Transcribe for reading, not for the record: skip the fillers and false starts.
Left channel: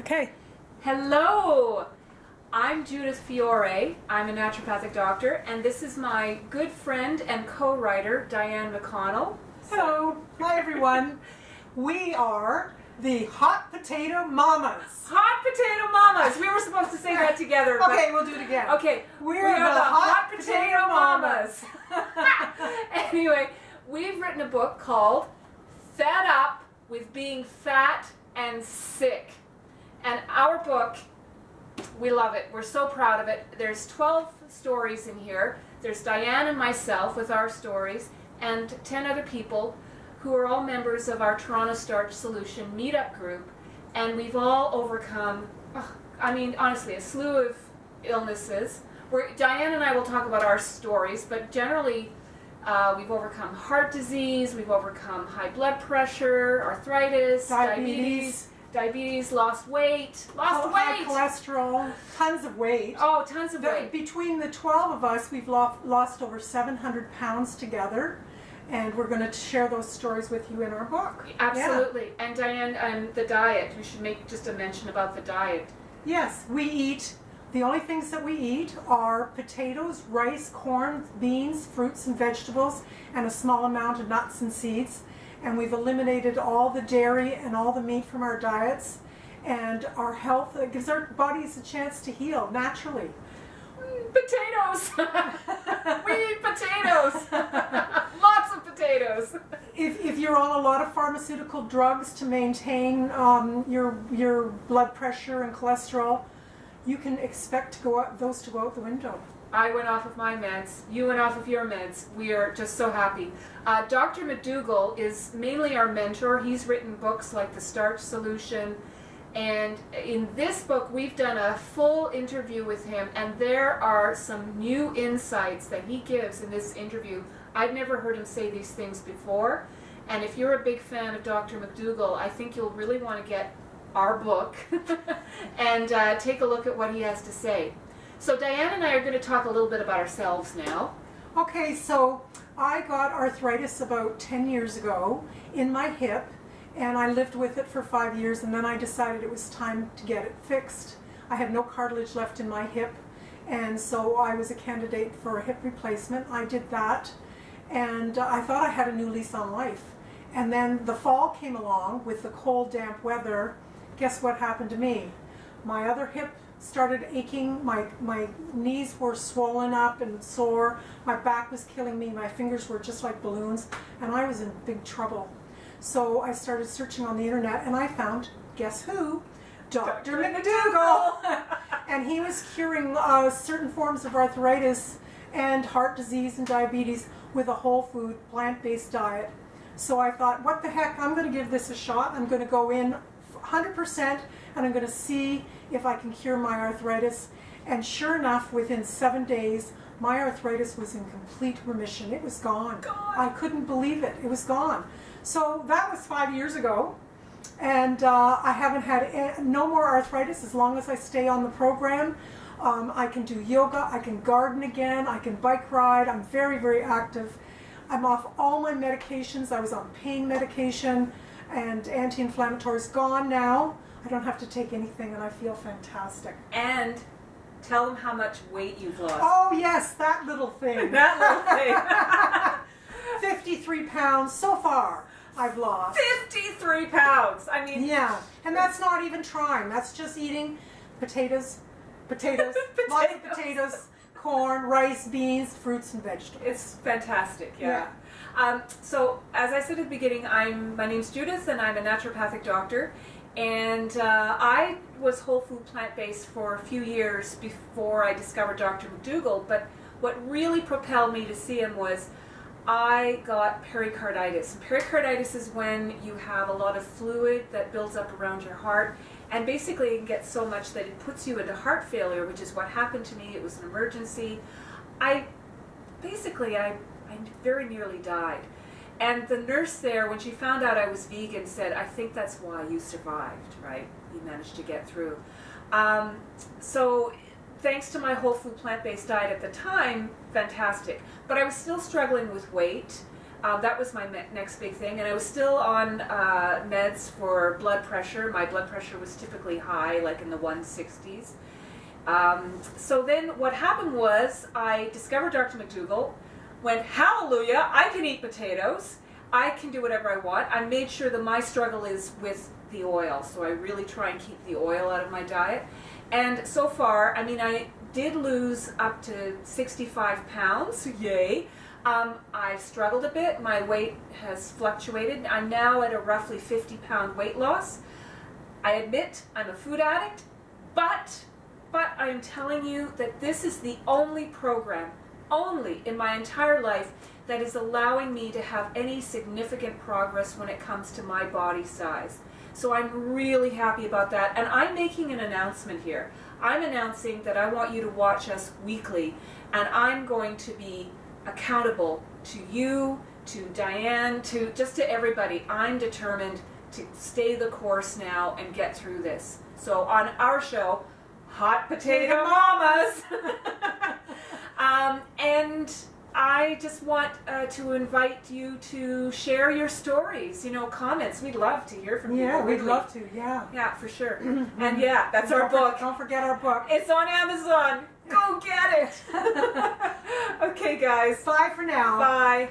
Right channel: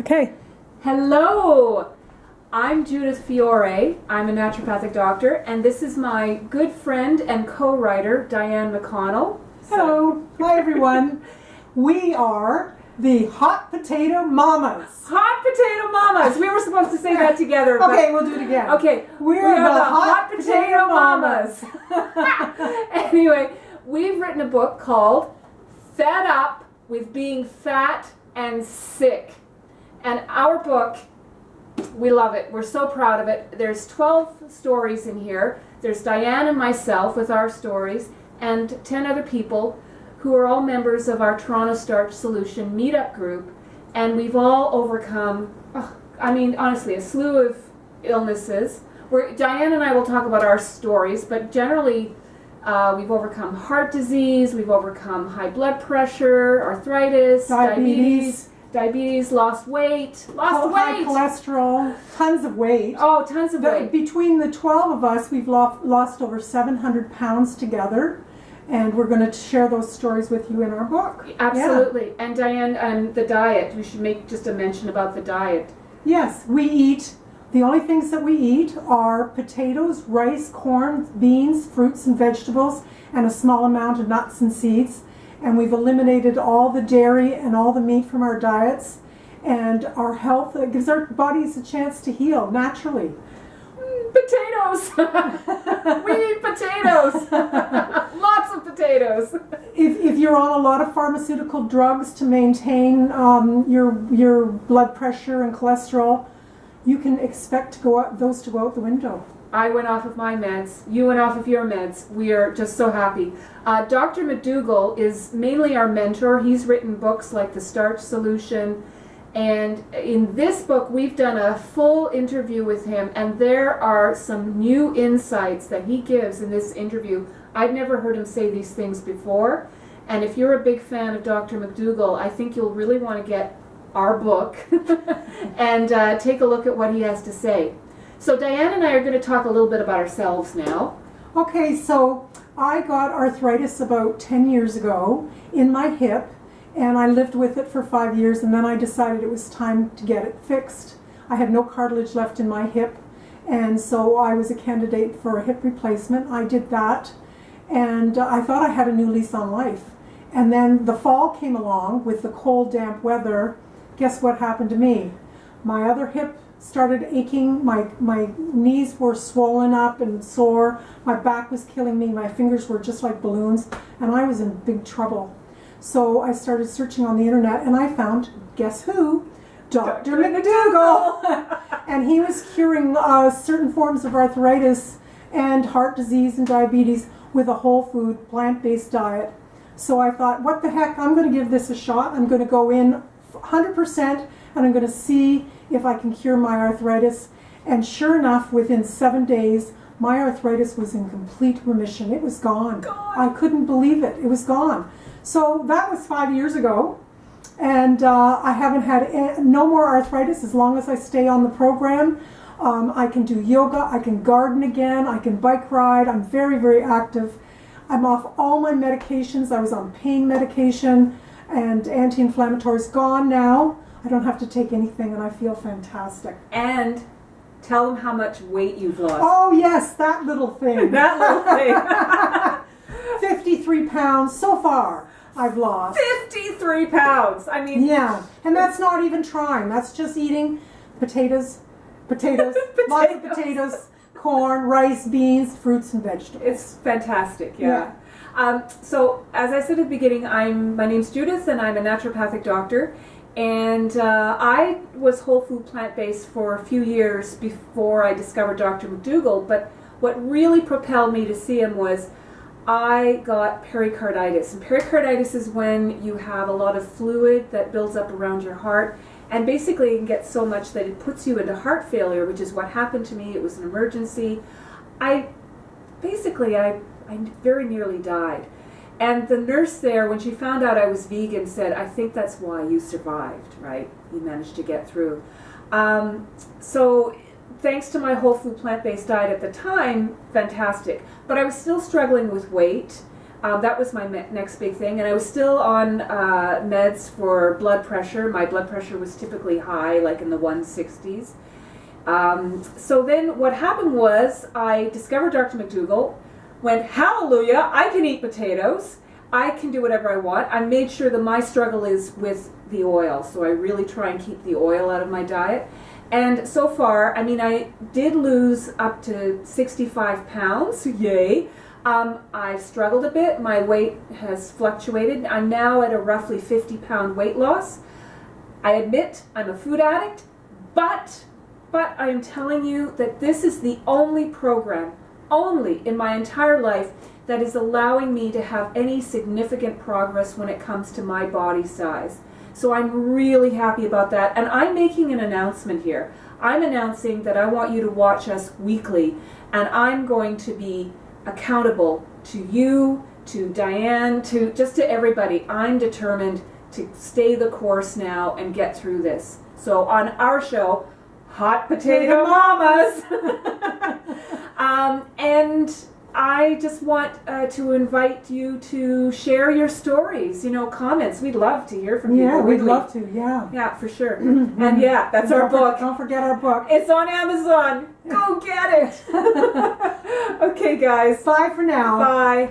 Okay. Hello, I'm Judith Fiore. I'm a naturopathic doctor, and this is my good friend and co-writer, Diane McConnell. Hello. Hi, everyone. We are the Hot Potato Mamas. Hot Potato Mamas! We were supposed to say that together. Okay, we'll do it again. Okay, We're the Hot Potato Mamas. Anyway, we've written a book called Fed Up with Being Fat and Sick. And our book, we love it. We're so proud of it. There's 12 stories in here. There's Diane and myself with our stories, and 10 other people who are all members of our Toronto Starch Solution meetup group. And we've all overcome, honestly, a slew of illnesses. Diane and I will talk about our stories, but generally we've overcome heart disease, we've overcome high blood pressure, arthritis, diabetes, lost weight. High cholesterol, tons of weight. Oh, tons of weight. Between the 12 of us, we've lost over 700 pounds together, and we're going to share those stories with you in our book. Absolutely. Yeah. And Diane, and the diet, we should make just a mention about the diet. Yes, the only things that we eat are potatoes, rice, corn, beans, fruits and vegetables, and a small amount of nuts and seeds. And we've eliminated all the dairy and all the meat from our diets, and our health, it gives our bodies a chance to heal naturally. Potatoes! We eat potatoes! Lots of potatoes! If you're on a lot of pharmaceutical drugs to maintain your blood pressure and cholesterol, you can expect those to go out the window. I went off of my meds. You went off of your meds. We are just so happy. Dr. McDougall is mainly our mentor. He's written books like The Starch Solution. And in this book, we've done a full interview with him. And there are some new insights that he gives in this interview. I've never heard him say these things before. And if you're a big fan of Dr. McDougall, I think you'll really want to get our book and take a look at what he has to say. So Diane and I are going to talk a little bit about ourselves now. Okay, so I got arthritis about 10 years ago in my hip, and I lived with it for 5 years, and then I decided it was time to get it fixed. I had no cartilage left in my hip, and so I was a candidate for a hip replacement. I did that, and I thought I had a new lease on life. And then the fall came along with the cold, damp weather. Guess what happened to me? My other hip started aching, my knees were swollen up and sore, my back was killing me, my fingers were just like balloons, and I was in big trouble. So I started searching on the internet, and I found, guess who? Dr. McDougall! And he was curing certain forms of arthritis and heart disease and diabetes with a whole food, plant-based diet. So I thought, what the heck, I'm going to give this a shot. I'm going to go in 100%, and I'm going to see if I can cure my arthritis. And sure enough, within 7 days, my arthritis was in complete remission. It was gone. I couldn't believe it. It was gone. So that was 5 years ago, and I haven't had no more arthritis as long as I stay on the program. I can do yoga, I can garden again, I can bike ride. I'm very, very active. I'm off all my medications. I was on pain medication and anti-inflammatories, gone now. I don't have to take anything, and I feel fantastic. And tell them how much weight you've lost. Oh yes, that little thing. That little thing. 53 pounds so far I've lost. 53 pounds! I mean... Yeah, and that's not even trying. That's just eating potatoes, lots of potatoes, corn, rice, beans, fruits, and vegetables. It's fantastic, yeah. So, as I said at the beginning, my name's Judith, and I'm a naturopathic doctor. And I was whole food plant-based for a few years before I discovered Dr. McDougall, but what really propelled me to see him was I got pericarditis. And pericarditis is when you have a lot of fluid that builds up around your heart, and basically it can get so much that it puts you into heart failure, which is what happened to me. It was an emergency. I very nearly died. And the nurse there, when she found out I was vegan, said, I think that's why you survived, right? You managed to get through. So thanks to my whole food plant-based diet at the time, fantastic. But I was still struggling with weight. That was my next big thing, and I was still on meds for blood pressure. My blood pressure was typically high, like in the 160s. So then what happened was I discovered Dr. McDougall, went, hallelujah, I can eat potatoes. I can do whatever I want. I made sure that my struggle is with the oil, so I really try and keep the oil out of my diet. And so far, I mean, I did lose up to 65 pounds, yay. I've struggled a bit. My weight has fluctuated. I'm now at a roughly 50-pound weight loss. I admit I'm a food addict, but I am telling you that this is the only program, only in my entire life, that is allowing me to have any significant progress when it comes to my body size. So I'm really happy about that. And I'm making an announcement here. I'm announcing that I want you to watch us weekly, and I'm going to be accountable to you, to Diane, to everybody. I'm determined to stay the course now and get through this. So on our show, Hot Potato Mamas, and I just want to invite you to share your stories, comments. We'd love to hear from you. Yeah, we'd love to, yeah. Yeah, for sure. And yeah, that's our book. Don't forget our book. It's on Amazon. Go get it. Okay, guys. Bye for now. Bye.